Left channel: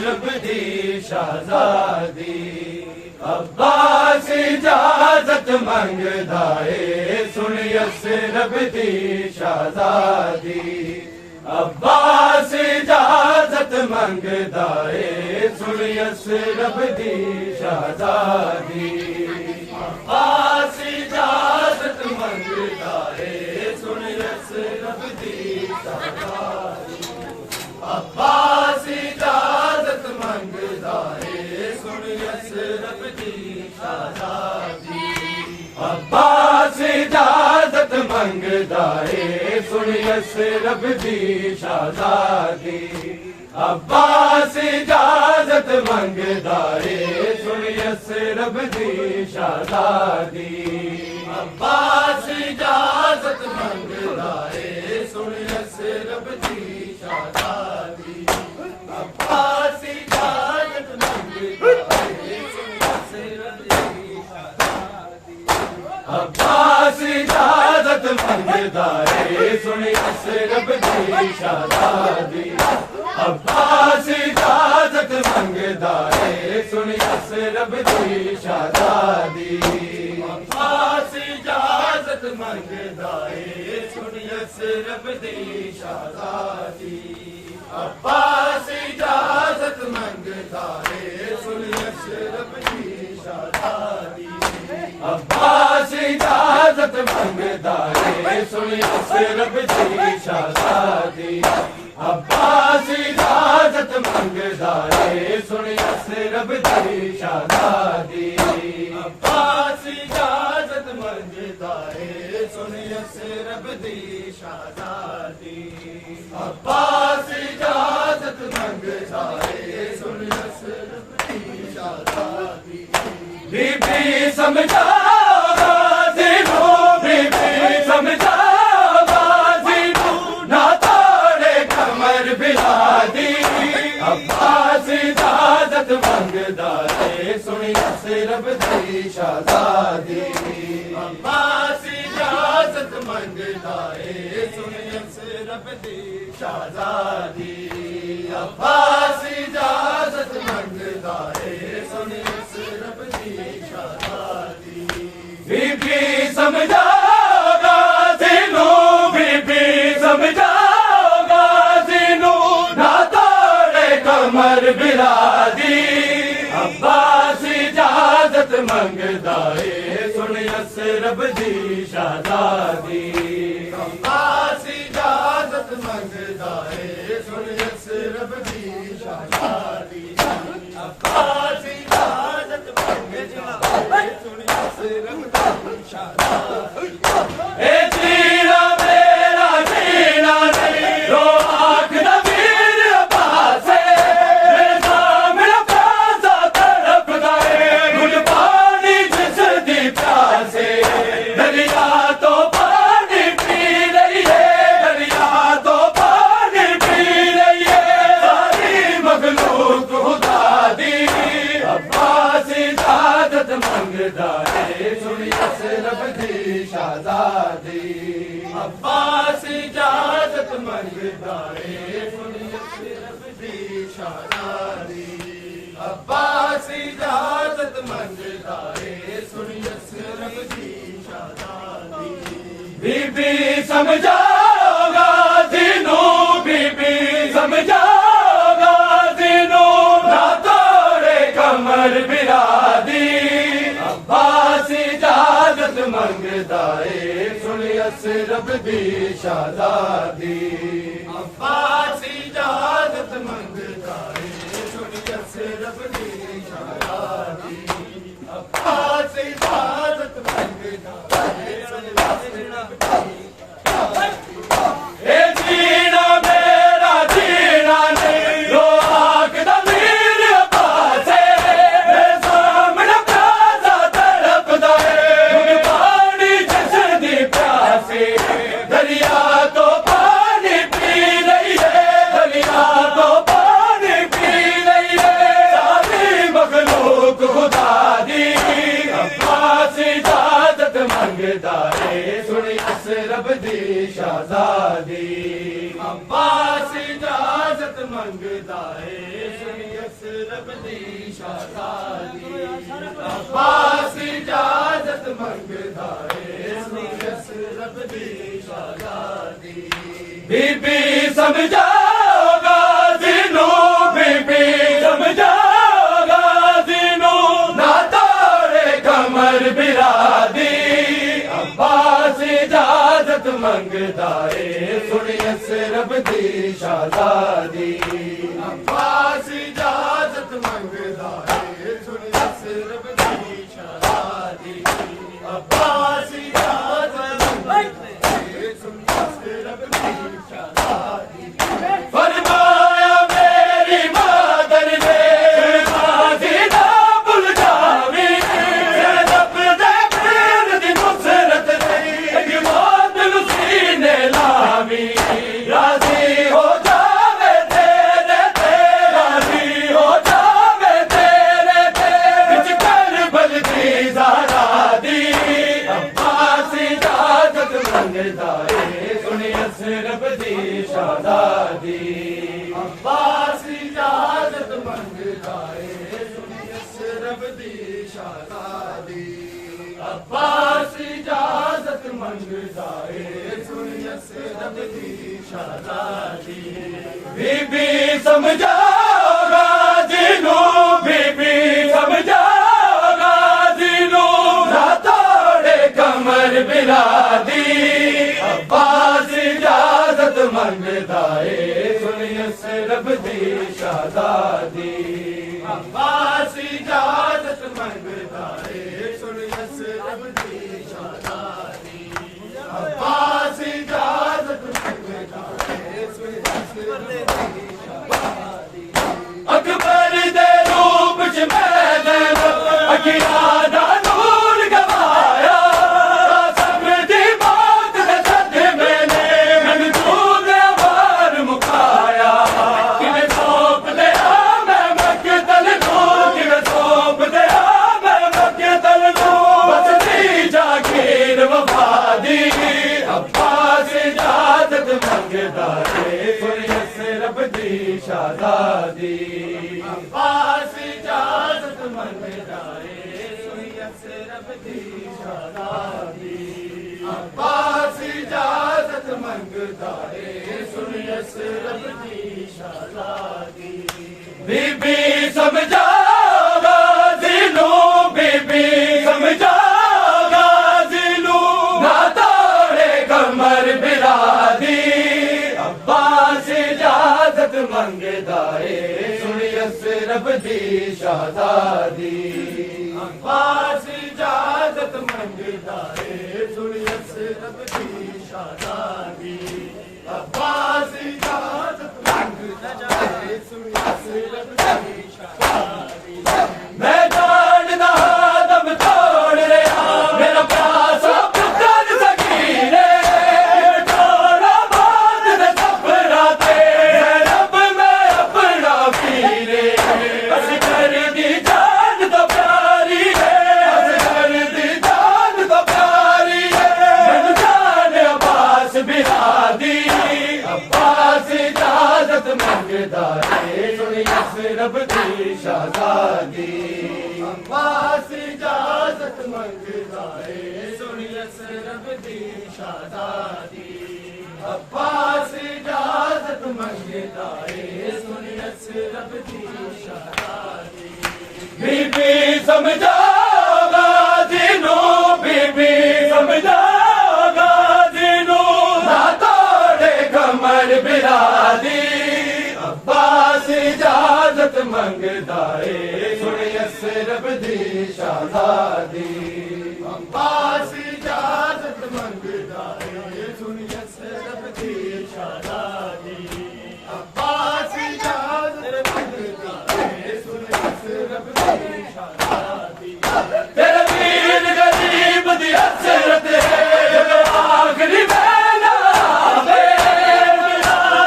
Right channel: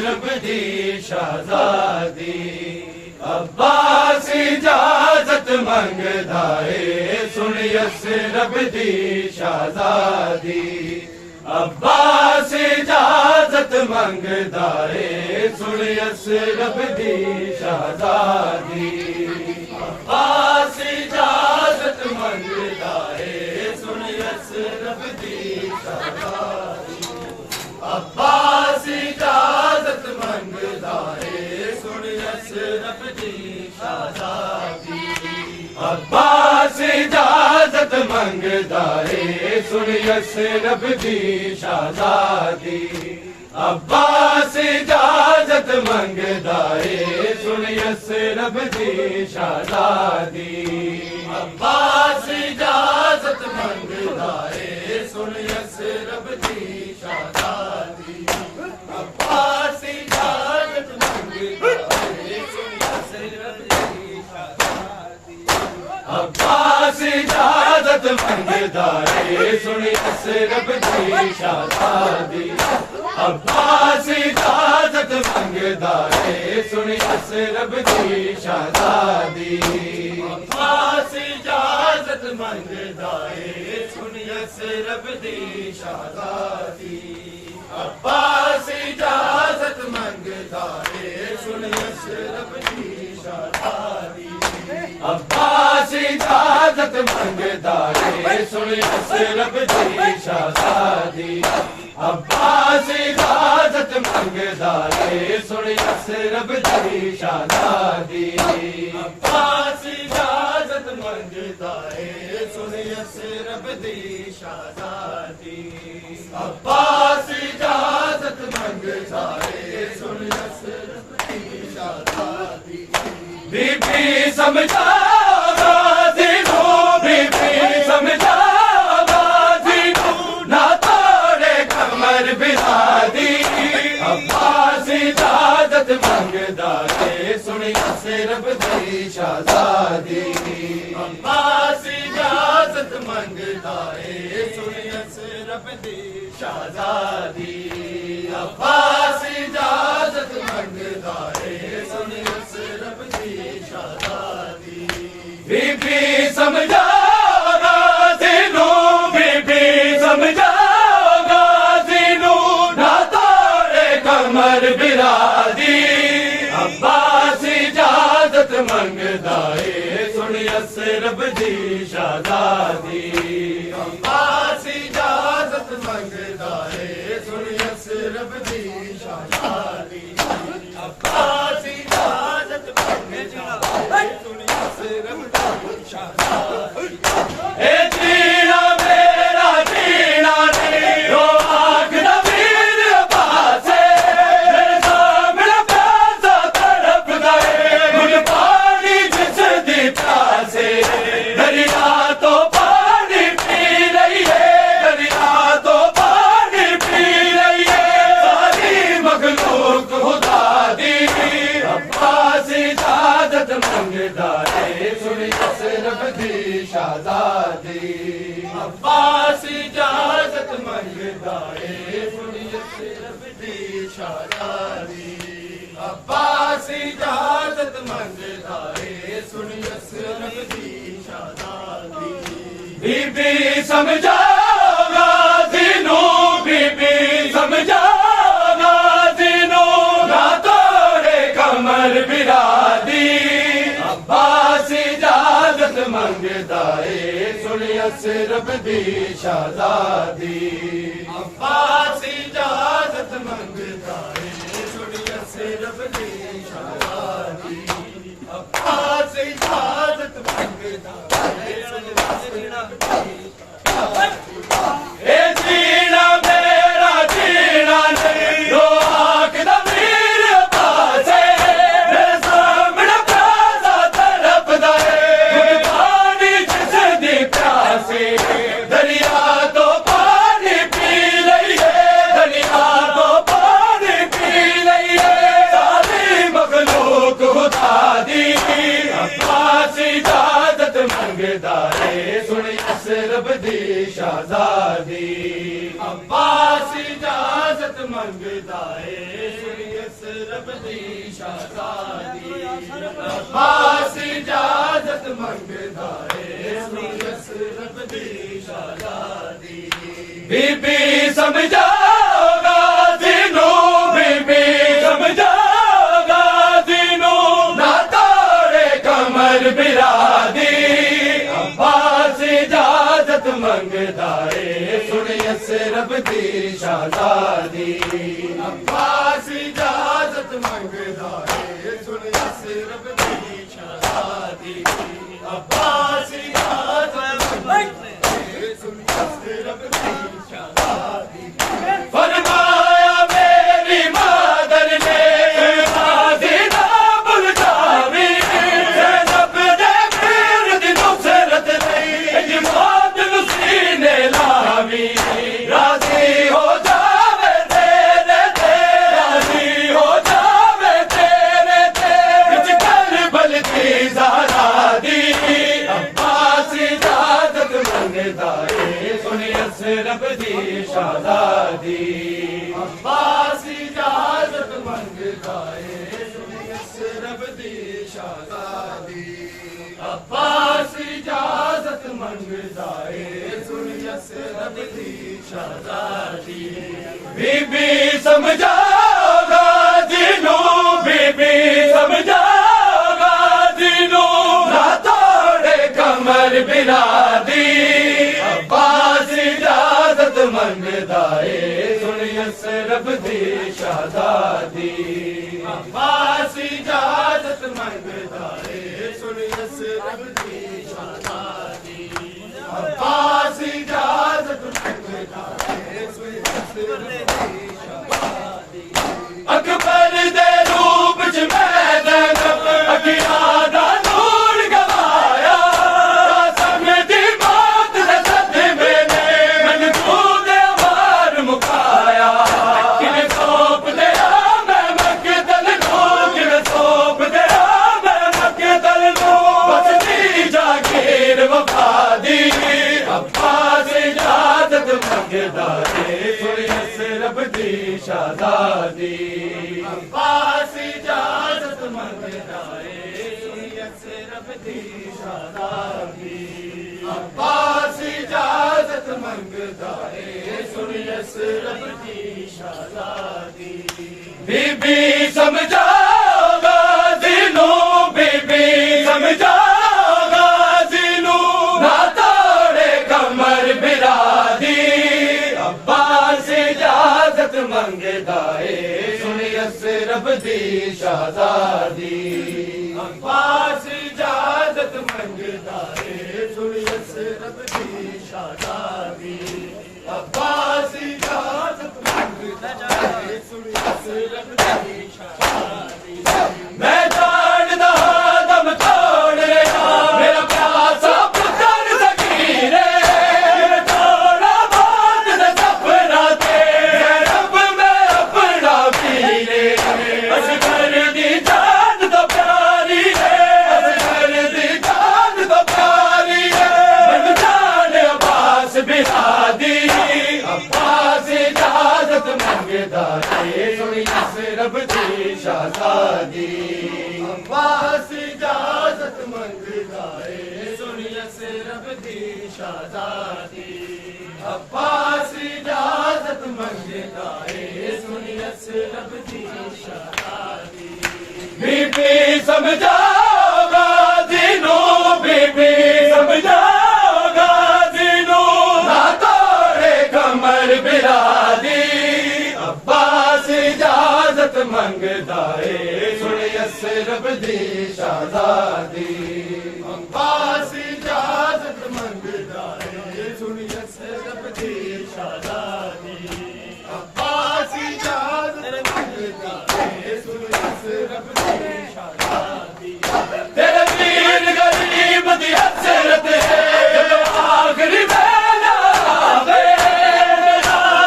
रब दी शहजादी अब्बास इजाजत मंगदा है। सुन यस रब दी शहजादी अब्बास इजाजत मंगदा है। सुन यस रब दी शहजादी अब्बास इजाजत मंगदा है। सुन यस रब दी शहजादी अब्बास इजाजत मंगदा है। सुन यस रब दी शहजादी अब्बास इजाजत मंगदा है। सुन यस रब दी शहजादी अब्बास इजाजत मंगदा है। सुन यस रब दी शहजादी अब्बास इजाजत मंगदा है। सुन यस रब दी शहजादी अब्बास इजाजत मंगदा है। सुन यस रब दी शहजादी अब्बास इजाजत मंगदा है। सुन यस रब दी शहजादी अब्बास इजाजत मंगदा है। सुन यस रब दी शहजादी अब्बास इजाजत मंगदा है। सुन यस रब दी शहजादी अब्बास इजाजत मंगदा है। सुन यस रब दी शहजादी अब्बास इजाजत मंगदा है। सुन यस रब दी शहजादी अब्बास इजाजत मंगदा है। सुन यस रब दी शहजादी अब्बास इजाजत मंगदा है। सुन यस रब दी शहजादी अब्बास इजाजत मंगदा है। सुन यस रब दी शहजादी बीबी समझा गाज़ीनू बीबी समझा गाज़ीनू ना तोड़े कमर बिलादी अब्बास इजाजत मंगदा है। सुन यस रब दी शहजादी अब्बास इजाजत मंगदा है। सुन यस रब दी शहजादी अब्बास इजाजत मंगदा है। सुन यस रब दी शहजादी बीबी समझा गाज़ीनू बीबी समझा गाज़ीनू ना तोड़े कमर बिलादी अब्बास इजाजत मंगदा है। सुन यस रब दी शहजादी अब्बास इजाजत मंगदा है। सुन यस रब दी शहजादी अब्बास इजाजत मंगदा है। सुन यस रब दी शहजादी ए जीना मेरा जीना नहीं रो आँख दा वीर अब्बास है। सामने प्यासा तड़पदा है गुड पानी जिस दी प्यासे दरिया तो पानी पी रही है दरिया तो पानी पी रही है सारी मखलूक खुदा दी अब्बास इजाजत मंगदा है। सुन यस रब दी शहजादी अब्बास इजाजत मंगदा है। सुन यस रब दी शहजादी अब्बास इजाजत मंगदा है सुन यसरब दी शहजादी बीबी समझागा दिनों बीबी समझागा दिनों ना तोड़े कमर बिरादी अब्बास इजाजत मंगदा है सुन यसरब दी शहजादी अब्बास इजाजत मंगदा है सुन यसरब दी शहजादी अब्बास इजाजत मंगदा है सुन यसरब दी ए जीना मेरा जीना नहीं रो आखदा मीर अब्बास मेरे सामने प्यासा तड़पदा है पानी जिसदी प्यासे दरिया तो पानी पी लईए दरिया तो पानी पी लईए सारी मखलूक खुदा दी अब्बास इजाजत मंगदा है सुन यसरब दी शहजादी अब्बास इजाजत मंगदा है सुन यसरब दी शहजादी अब्बास इजाजत मंगदा है सुन यसरब दी शहजादी बीबी समझागा दिनों बीबी समझागा दिनों ना तोड़े कमर बिरादी अब्बास इजाजत मंगदा है सुन यसरब दी शहजादी अब्बास इजाजत मंगदा है सुन यसरब दी शहजादी अब्बास इजाजत मंगदा है सुन यसरब दी शहजादी फरमाया मेरी मादर ने शादी ना भूल जावी ज़ैनब दे पीर दी नुसरत नहीं मौत सीने लावी राजी हो जावे तेरे ते राजी हो जावे तेरे ते बिच करबल दी ज़हरादी अब्बास इजाजत मंगदा है सुन यसरब दी शहजादी अब्बास इजाजत मंगदा है सुन यसरब दी शहजादी अब्बास इजाजत मंगदा है सुन यसरब दी शहजादी बीबी समझागा दिनों बीबी समझागा दिनों ना तोड़े कमर बिरादी अब्बास इजाजत मंगदा है सुन यसरब दी शहजादी अब्बास इजाजत मंगदा है सुन यसरब दी शहजादी अब्बास इजाजत मंगदा है सुन यसरब दी शहजादी अकबर दे रूप च मैं अखियां दा नूर गवाया समझी मौत दे सदमे ने मैनू तू दे वार मुकाया किने सौंप दिया मैं मकतल नू किने सौंप दिया मैं मकतल नू बस दी जागीर वफा दी अब्बास इजाजत मंगदा है सुन यसरब दी शहजादी अब्बास इजाजत मंगदा है सुन यसरब दी शहजादी अब्बास इजाजत मंगदा है सुन यसरब दी शहजादी बीबी समझागा दिनों बीबी समझागा दिनों ना तोड़े कमर बिरादी अब्बास इजाजत मंगदा है सुन यसरब दी शहजादी अब्बास इजाजत मंगदा है सुन यसरब दी शहजादी अब्बास इजाजत मंगदा है सुन यसरब दी शहजादी मैं जानदा दम तोड़ रहा मेरा प्यासा पुत्र सकीरे थोड़ा बात न सफरा ते रब में अपना पीरे असगर दी जान तो प्यारी है असगर दी जान तो प्यारी है मैं जान अब्बास बिरादी अब्बास इजाजत मंगदा है सुन यसरब दी शहजादी अब्बास इजाजत मंगदा है सुनिए से रब दी शहजादी अब्बास इजाजत मंगदा है सुनिए से रब दी शहजादी बीबी समझाओगा जिनो बीबी समझाओगा जिनो ना तोड़े कमर बिरादी अब्बास इजाजत मंगदा है सुनिए से रब दी शहजादी अब्बास इजाजत मंगदा है सुनिए से रब दी शहजादी अब्बास इजाजत मंगदा है सुनिए से रब दी शहजादी तेरे वीर गरीब दी हसरत है जब आखिरी वेला आवे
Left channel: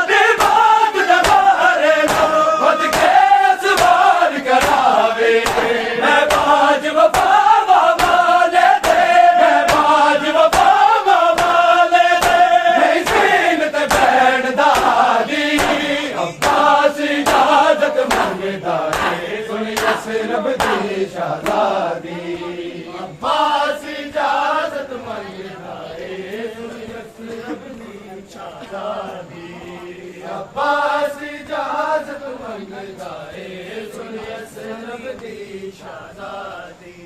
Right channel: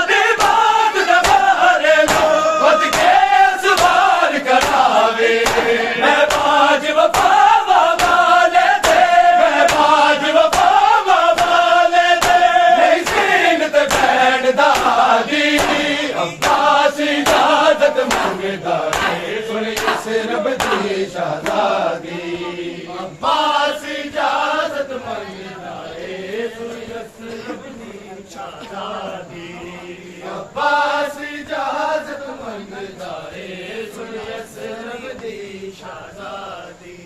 दे बात दबारे लो खुद के सवार करावे मैं बाज वफा वाले दे मैं बाज वफा वाले दे नहीं सीन ते बैठ दादी अब्बास इजाजत मंगदा है सुनिए से रब दी शहजादी अब्बास इजाजत मंगदा है सुनिए से रब दी शहजादी अब्बास इजाजत मंगदा है सुनिए से रब दी शहजादी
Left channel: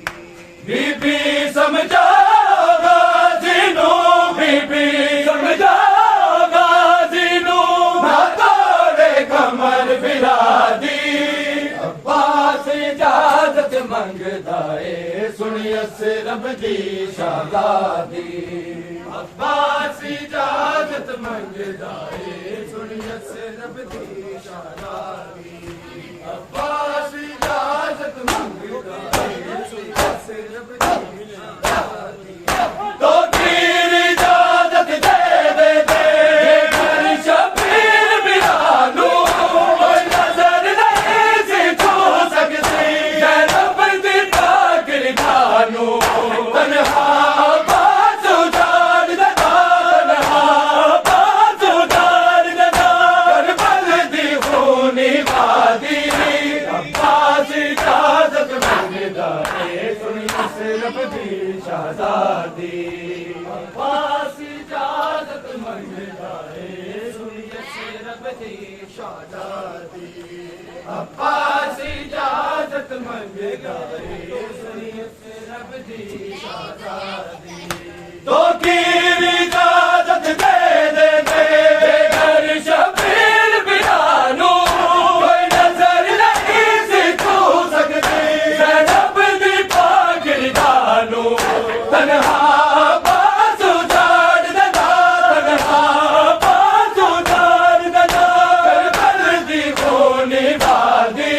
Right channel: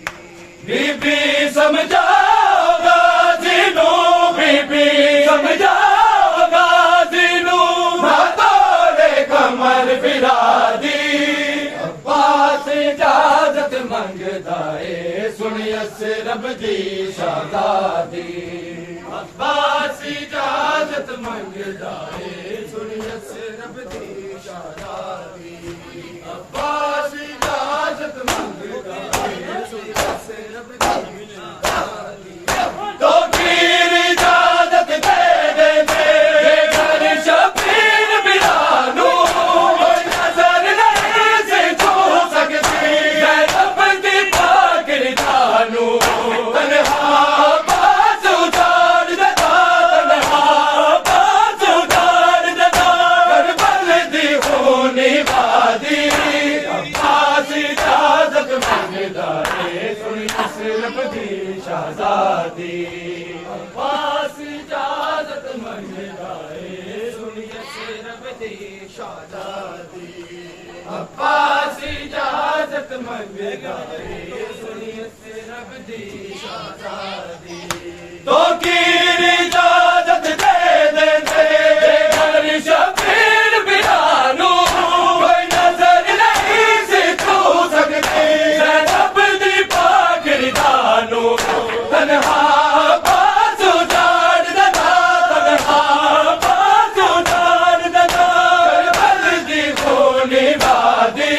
बीबी समझाओगा जिनो बीबी समझाओगा जिनो ना तोड़े कमर बिरादी अब्बास इजाजत मंगदा है सुनिए से रब दी शहजादी अब्बास इजाजत मंगदा है सुनिए से रब दी शहजादी अब्बास इजाजत मंगदा है सुनिए से रब दी शहजादी तो कीर इजाजत दे घर शबीर बिलालू कोई नजर नहीं से छू सकती रब दी ताकिर जानू तन्हा बाज उजाड़ देता तन्हा बाज उजाड़ देता करबल दी खूनी वादी अब्बास इजाजत मंगदा है सुनिए से रब दी शहजादी अब्बास इजाजत मंगदा है सुनिए से रब दी शहजादी अब्बास इजाजत मंगदा है सुनिए से रब दी शहजादी तो कीर इजाजत दे घर शबीर बिलालू कोई नजर नहीं से छू सकती रब दी पाकिर जानू तन्हा बाज उजाड़ देता तन्हा बाज उजाड़ देता करबल दी खूनी वादी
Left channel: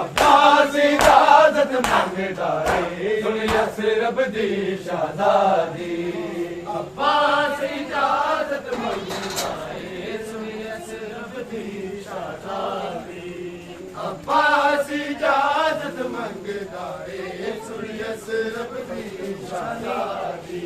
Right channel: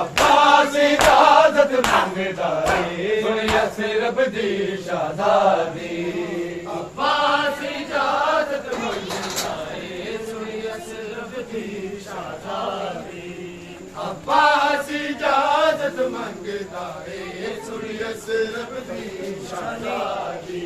अब्बास इजाजत मंगदा है सुनिए से रब दी शहजादी अब्बास इजाजत मंगदा है सुनिए से रब दी शहजादी अब्बास इजाजत मंगदा है सुनिए से रब दी शहजादी